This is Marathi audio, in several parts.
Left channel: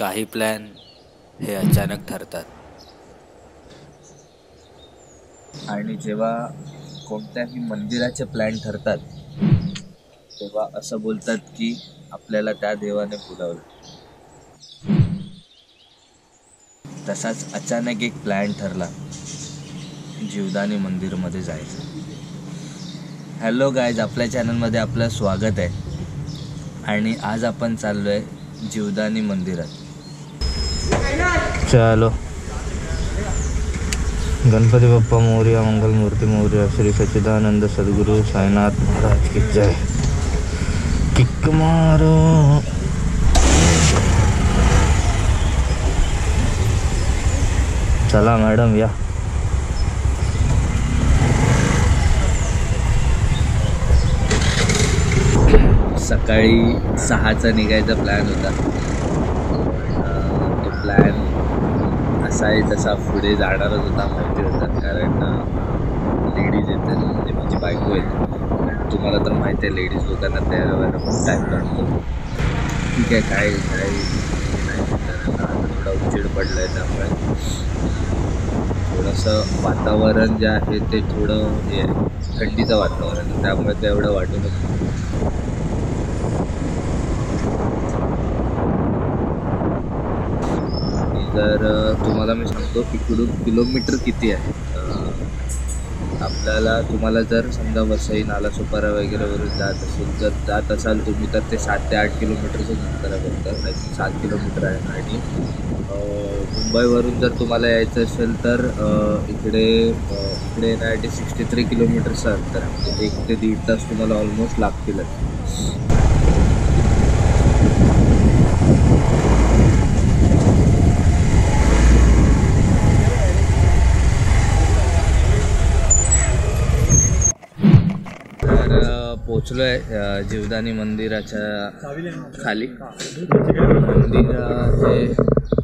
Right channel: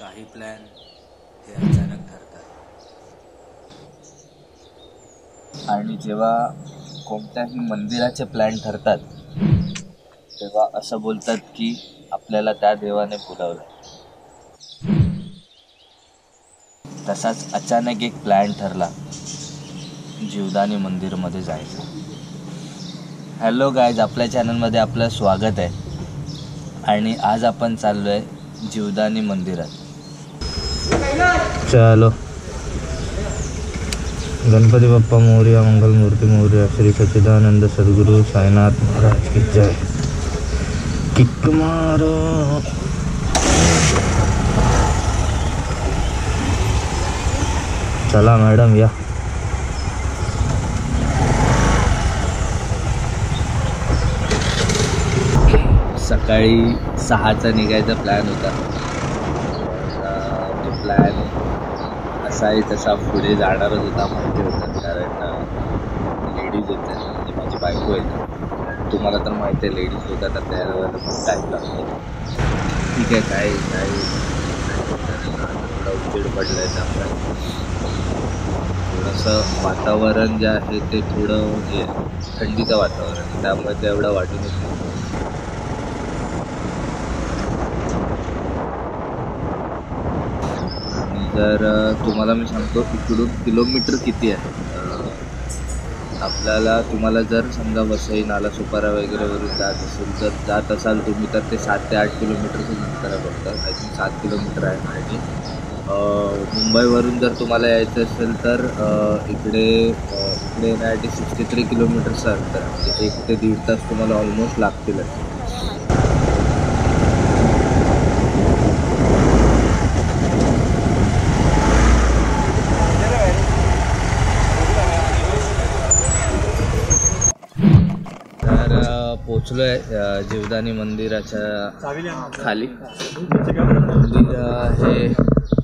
काही प्लॅन हे अचानक ठरतात आणि जेव्हा कोणत्याही मंदिराचे प्लॅन ठरतात तेव्हा असं बोलतात की आपल्याला त्या देवाने बोलावलं. तसाच अचानक एक प्लॅन ठरला जीवदानी मंदिरमध्ये जायचं. हॅलो गाईज, आपल्या चॅनलमध्ये आपलं स्वागत आहे आणि आज आपण चाललोय जीवदानी मंदिरात. चलो, गणपती बाप्पा मोरया, मंगल मूर्ती मोरया, श्री सच्चिदानंद सद्गुरु साईनाथ महाराज की जय. किक मारो. चला मॅडम या. सकाळी 6चा निघायचा प्लॅन होता, पण तो प्लॅन असाही तसा पुढे जाणारच होता. माहिती होतं कारण लेडीज येतात, म्हणजे माझी बायको येते. तुम्हाला तर माहिती आहे लेडीज लोकांना तयार व्हायला खूप टाईम लागतो. ठीक आहे, काय नाही कारण आता थोडा उजेड पडला आहे, त्यामुळे थोडंसं वातावरण जे आहे ते थोडं हे आहे, थंडीचं वातावरण, त्यामुळे ते एवढं वाटून येतं. तर तुम्हाला मी सांगतो इकडून किलोमीटर किती आहे. आपल्याला तुम्हाला जर समजा वसई, नालासोपारा वगैरेवरून जात असाल तुम्ही तर ते 7 ते 8 किलोमीटरचं अंतर आहे फक्त. आय थिंक 7 किलोमीटर आहे. आणि मुंबईवरून जर तुम्हाला यायचं असेल तर इकडे येण्यासाठी 63 किलोमीटरचं अंतर आहे. म्हणजे 1 ते 1.5 तास तुम्हाला ऑलमोस्ट लागतीलच. तर पोचलो आहे जीवदानी मंदिराच्या खाली. मंदिर हे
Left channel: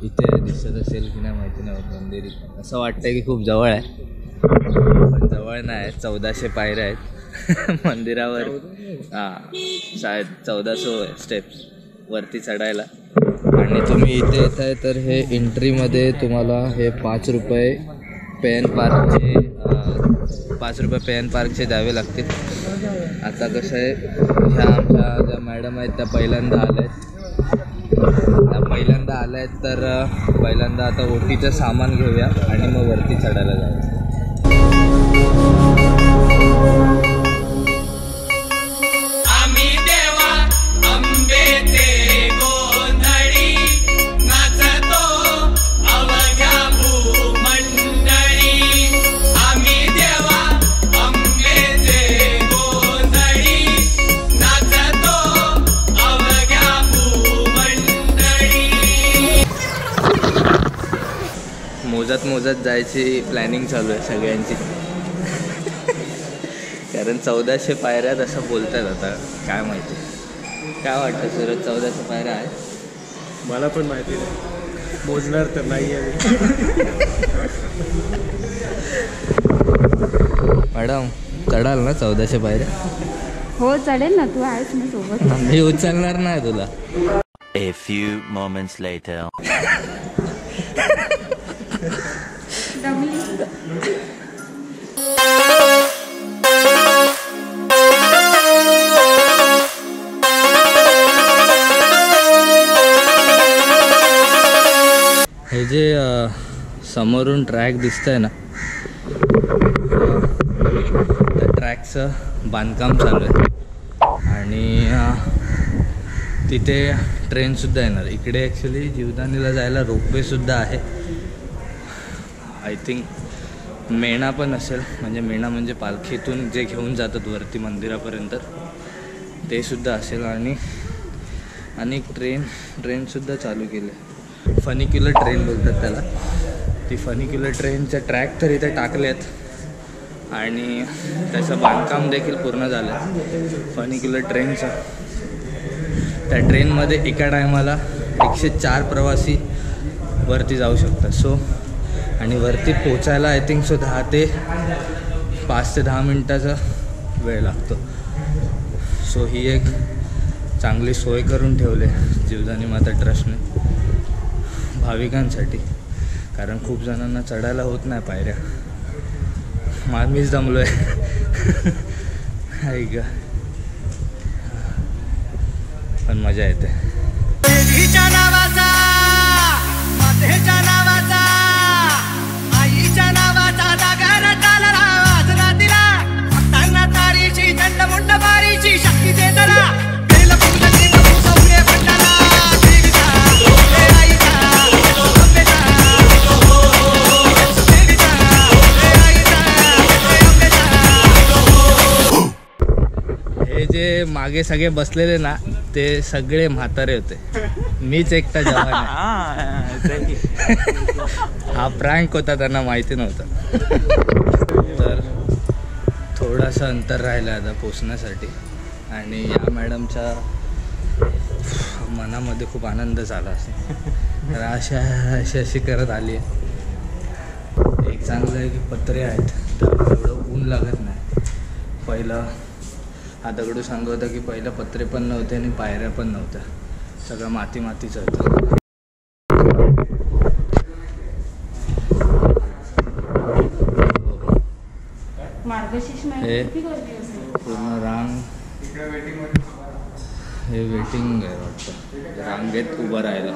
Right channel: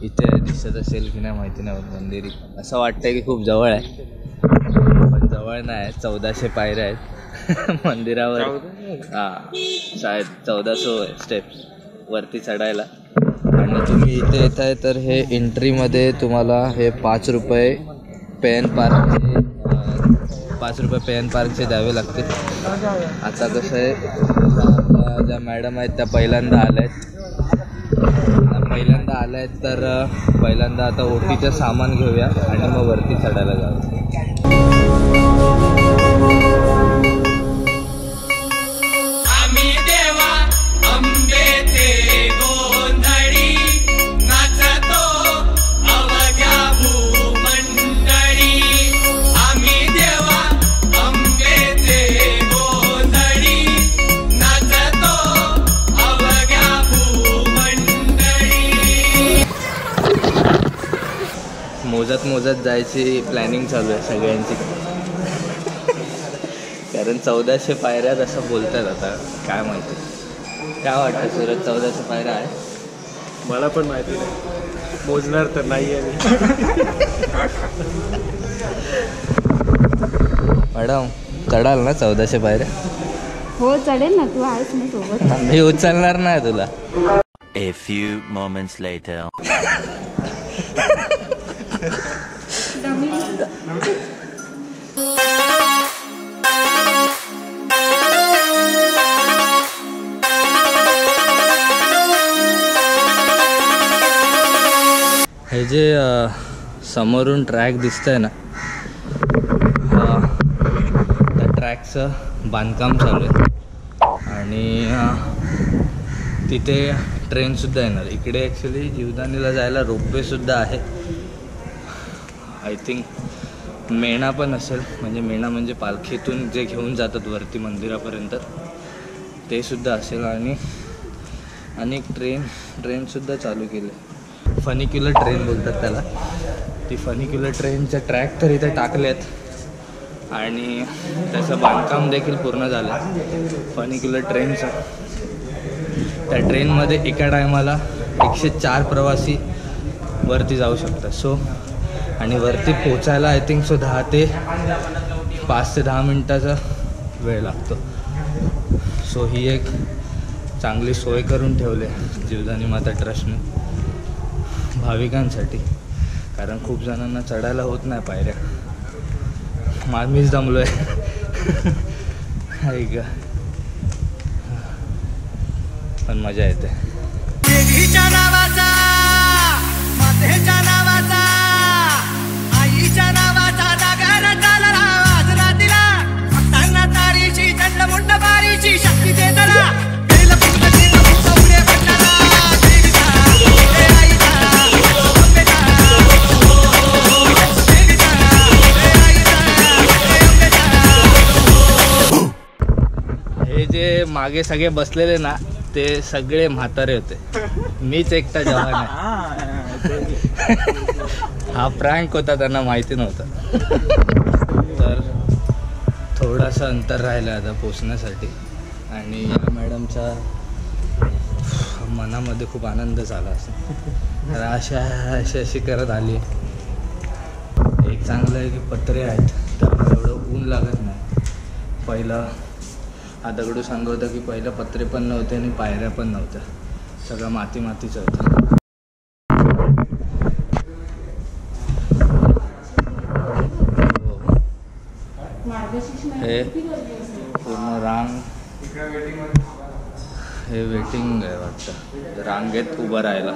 इथे दिसत असेल की नाही माहिती नाही. मंदिर असं वाटतंय की खूप जवळ आहे, पण जवळ नाही. 1400 पायऱ्या आहेत मंदिरावर. शाळेत 1400 स्टेप्स वरती चढायला. आणि तुम्ही इथे येत आहे तर हे एंट्रीमध्ये तुम्हाला हे 5 रुपये पे एन पार्कचे द्यावे लागतील. आता कसं आहे, ह्या आमच्या ज्या मॅडम आहेत त्या पहिल्यांदा आल्या आहेत तर पहिल्यांदा आता ओटीचं सामान घेऊया आणि मग वरती चढायला जाऊ. मोजत जायची प्लॅनिंग चालू आहे सगळ्यांची. कारण 1400 पायऱ्यात असं बोलतात. आता काय माहिती, काय वाटतं सूरज, 1400 पायऱ्या आहे? मला पण माहिती नाही, मोजणार तर नाही आहे मॅडम, चढाल ना 1400 पायऱ्या? हो चढेल ना, तू आहेस ना सोबत. मी उचलणार नाही तुला. A few moments later. हे जे समोरून ट्रॅक दिसतंय ना, त्या ट्रॅकचं बांधकाम चालू आहे आणि तिथे ट्रेनसुद्धा येणार. इकडे ॲक्च्युली जीवदानीला जायला रोपवेसुद्धा आहे. आय थिंक मेणा पण असेल, म्हणजे मेणा म्हणजे पालखीतून जे घेऊन जातात वरती मंदिरापर्यंत ते सुद्धा असेल. आणि ट्रेनसुद्धा चालू केले. फनिक्युलर ट्रेन बोलतात त्याला. ती फनिक्युलर ट्रेनचे ट्रॅक तर इथे टाकले आहेत आणि त्याचं बांधकाम देखील पूर्ण झालं आहे फनिक्युलर ट्रेनचं. त्या ट्रेनमध्ये एका टायमाला 104 प्रवासी वरती जाऊ शकतात. सो आणि वरती पोचायला आय थिंक 5 ते 10 मिनटाचा वेळ लागतो. सो ही एक चांगली सोय करून ठेवले जीवदानी माता ट्रस्टने. भाविकांसाठी, कारण खूप जणांना चढायला होत नाही पायऱ्या. मीच दमलो आहे. ऐक पण मजा येते. देवीच्या नावाचा, मातेच्या नावाचा, आईच्या नावाचा जागर चालला वाजला तिला. भक्तांना तारीची चंडमुंड बारीची शक्ती दे जरा. बेल फुल केलं फुगवले भंडारा. देवीचा, हे आईचा, अंबेचा, देवीचा, हे आईचा, हे अंबेचा. हे जे मागे सगळे बसलेले ना ते सगळे म्हातारे होते. मीच एकटा जवान आहे. हा प्रँक होता, त्यांना माहिती नव्हतं. तर थोडासा अंतर राहिलं आता पोचण्यासाठी. आणि या मॅडमच्या मनामध्ये खूप आनंद झाला असं, तर अशी करत आली आहे. एक चांगलं आहे की पत्रे आहेत, त्यामुळे एवढं ऊन लागत नाही. पहिलं हा दगडू सांगत होता की पहिलं पत्रे पण नव्हते आणि पायऱ्या पण नव्हत्या, सगळं मातीचं होतं. हे पूर्ण रांग, हे वेटिंग आहे वाटतं, रांगेत उभं राहायला.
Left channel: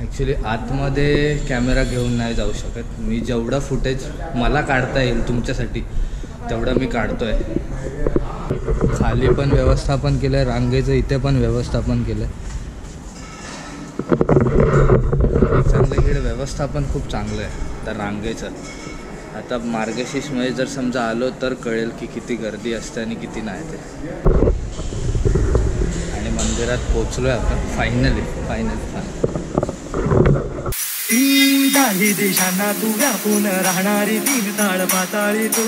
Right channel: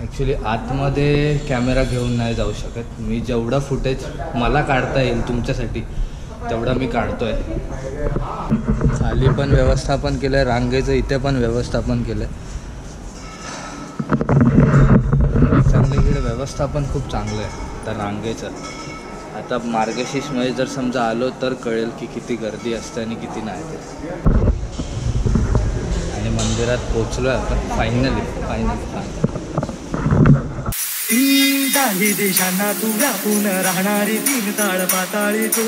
ॲक्च्युली आतमध्ये कॅमेरा घेऊन नाही जाऊ शकत मी. जेवढं फुटेज मला काढता येईल तुमच्यासाठी तेवढं मी काढतो आहे. खाली पण व्यवस्थापन केलं आहे, रांगेचं इथे पण व्यवस्थापन केलं आहे. एक चांगलं इकडे व्यवस्थापन खूप चांगलं आहे तर रांगेचं. आता मार्गशीर्षमध्ये जर समजा आलो तर कळेल की किती गर्दी असते आणि किती नाही ते. आणि मंदिरात पोचलो आहे आपण फायनली. दाही देशांना तू व्यापून राहणारी तीन ताळ पाताळी तू.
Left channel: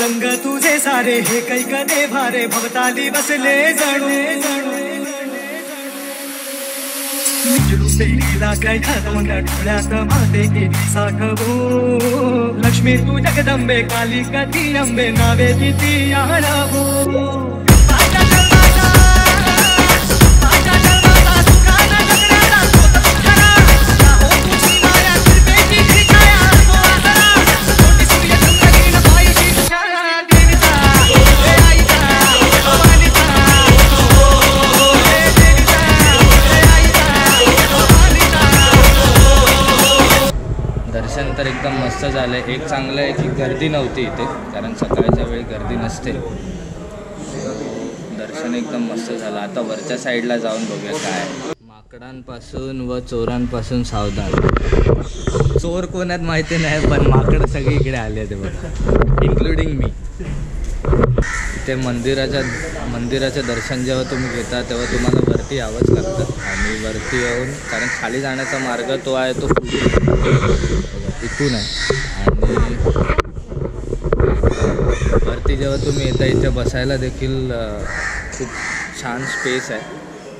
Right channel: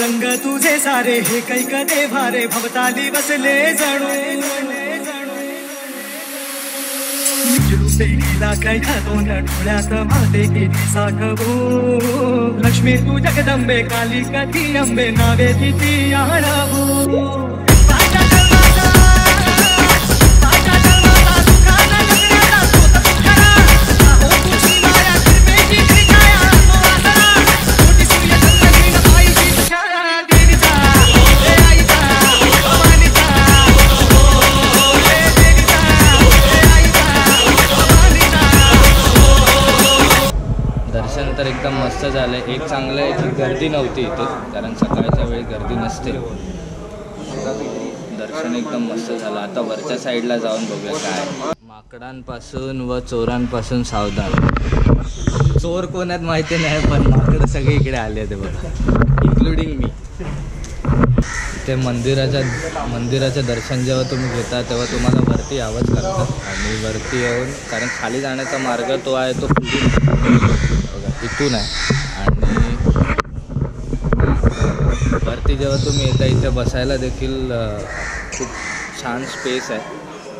रंग तुझे सारे हे कैक देभारे भवताली बसले जणू. निज रूपे गेला कैका दोन डोळ्यात माते केली साठवू. लक्ष्मी तू जगदंबे काली कधी अंबे नावे तिथी आणवू. माझ्या जन्माचा सुखाना जगण्याचा स्रोत तू खरा. हो तुझी माया कृपेची छाया तो आसरा. कोटी सूर्य चंद्रहीन पायीची तुझ्या. देवीचा, हे आईचा, भवानीचा, हे देवीचा, हे आईचा, भवानीचा. दर्शन तर एकदम मस्त झालं आहे. एक चांगलं आहे की गर्दी नव्हती इथे, कारण सकाळच्या वेळी गर्दी नसते. दर्शन एकदम मस्त झालं. आता वरच्या साईडला जाऊन बघूया काय. माकडांपासून व चोरांपासून सावधान. चोर कोण आहेत माहिती नाही, पण माकडं सगळे इकडे आले ते बघा, इन्क्लुडिंग मी. ते मंदिराचं दर्शन जेव्हा तुम्ही घेता तेव्हा तुम्हाला वरती यावंच लागतं. आणि वरती येऊन, कारण खाली जाण्याचा मार्ग तो आहे तो पुढे बघा इथून आहे. आणि वरती जेव्हा तुम्ही येता इथे बसायला देखील खूप छान स्पेस आहे.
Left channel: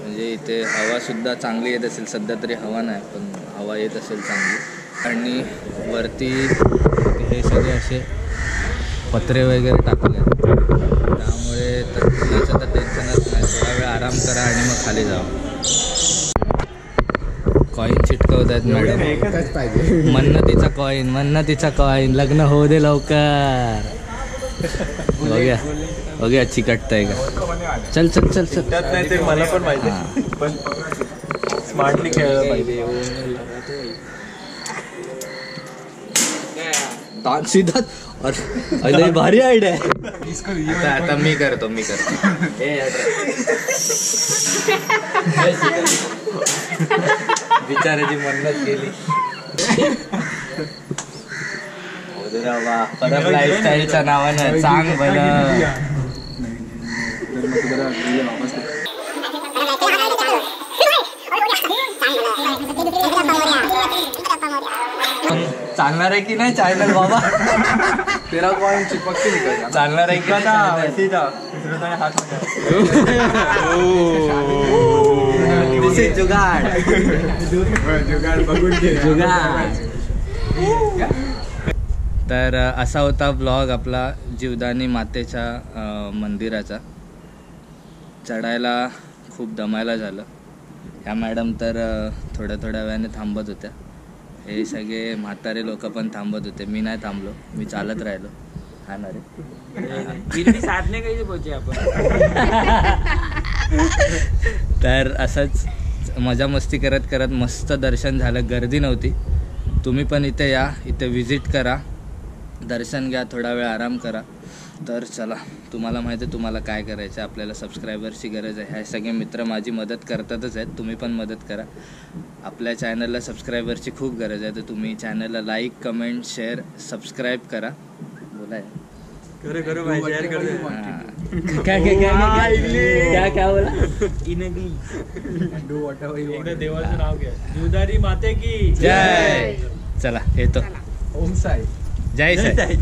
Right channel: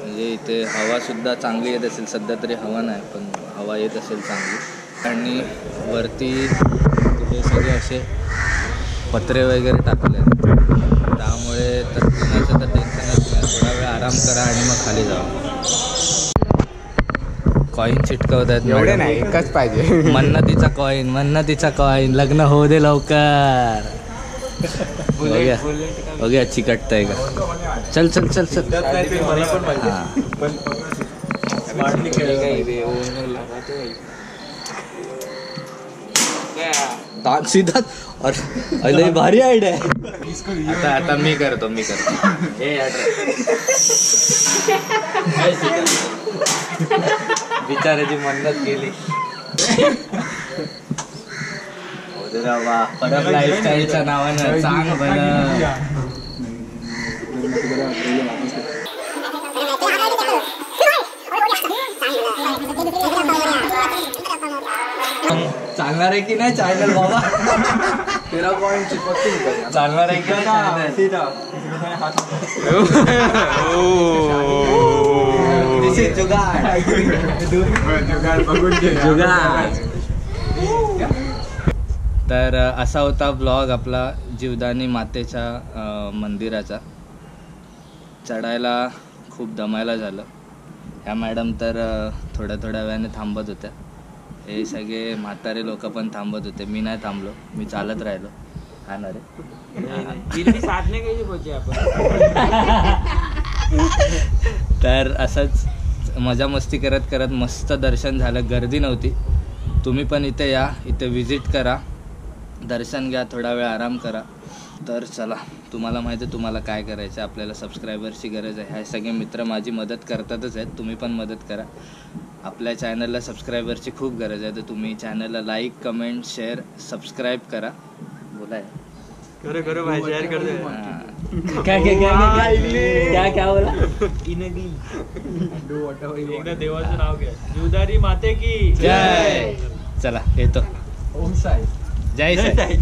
म्हणजे इथे हवासुद्धा चांगली येत असेल. सध्या तरी हवा नाही, पण हवा येत असेल चांगली. आणि वरती हे सगळे असे पत्रे वगैरे टाकले आहेत, त्यामुळे तर कुणाचं तर टेन्शनच नाही. थोडा वेळ आराम करा आणि मग खाली जावा. कॉईन चिटकवत आहेत मॅडम. एकच पाहिजे. मन्नतीचा कॉईन लग्न होऊ दे लवकर. बघूया चिकटतंय का. चल मला पण पाहिजे, पण स्मार्टली खेळलं पाहिजे. सीधा अरे भारी आयडिया आहे. आता मी करतो. बिचाराची मन्नत केली. परत लाईफस्टाईलच्या नावानं सांग बरं. चालणार आहे की नाही चॅनल बाबा? तेरा कॉइन चिपकते नहीं. चालणार आहे की नाही? सीधा जुगाड. तर असा होता ब्लॉग आपला जीवदानी मातेच्या मंदिराचा. चढायला खूप दमायला झालं. ह्या मॅडम तर थोड्या थोड्या वेळाने थांबत होत्या. हे सगळे म्हातारे लोक पण थांबत होते. मी नाही थांबलो, मी चालत राहिलो. हा ना रे साधने कशी पोहोचे आपण. तर असंच मजा मस्ती करत करत मस्त दर्शन झालं. गर्दी नव्हती. तुम्ही पण इथे या, इथे विजिट करा, दर्शन घ्या, थोडा वेळ आराम करा. तर चला, तुम्हाला माहिती आहे तुम्हाला काय करायचं. आपल्याला सबस्क्रायबर्सची गरज आहे. ह्या सगळे मित्र माझी मदत करतातच आहेत. तुम्ही पण मदत करा. आपल्या चॅनलला सबस्क्रायबर्सची खूप गरज आहे. तर तुम्ही चॅनलला लाईक, कमेंट, शेअर, सबस्क्राईब करा. बोला करो भाई, शेअर कर दे. क्या बोला. एकदा देवाचं नाव घ्या. जीवदारी माते की जय. चला येतो. ओम साई. जय साई.